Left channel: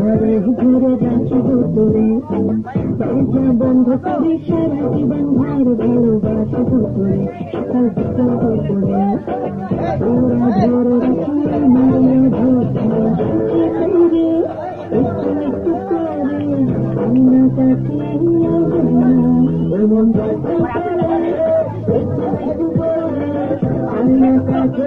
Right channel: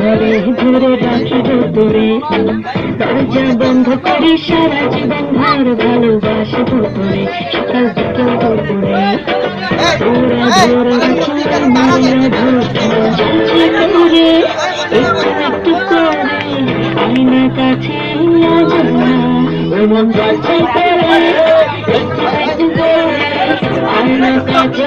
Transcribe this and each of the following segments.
ঘরে ধরে রাখিব তোরে দরজা বন্ধ করে সারা জীবন ভর ভালোবাসব তোরে সকাল বিকাল দুপুরে তোরা ধরে রাখি আমার ধরে তোরে একটু একটু করে আয়না কাছে আজ না ও মন যাচ্ছে একটু একটু করে আয়না কাছে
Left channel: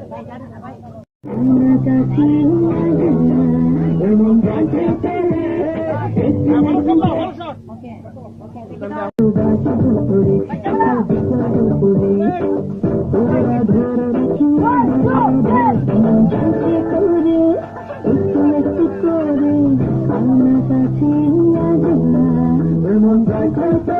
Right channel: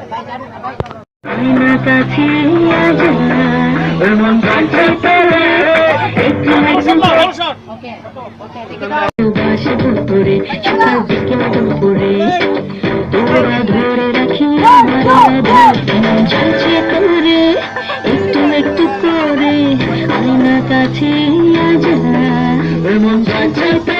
আমার করে কাছে আজ মন যাচ্ছে তোরে একটু একটু করে কাছে কাছে আজ মন যাচ্ছে তোরে ধরে রাখি যাচ্ছে তোরে একটু একটু করে আয়না কাছে আজ মন যাচ্ছে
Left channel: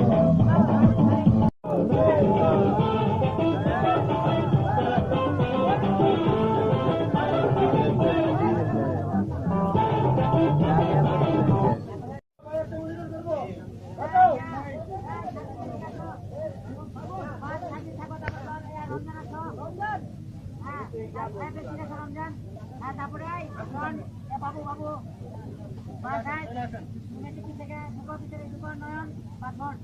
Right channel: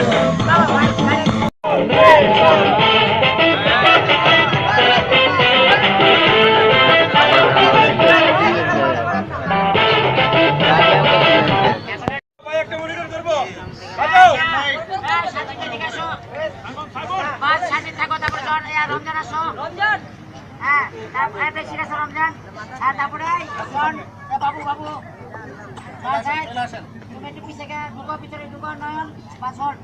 এ বাবু বাবু তুমি একটু পিছে গিয়ে ঢুকো ভিতরে ঢুকো নয়ন পাঁচ হল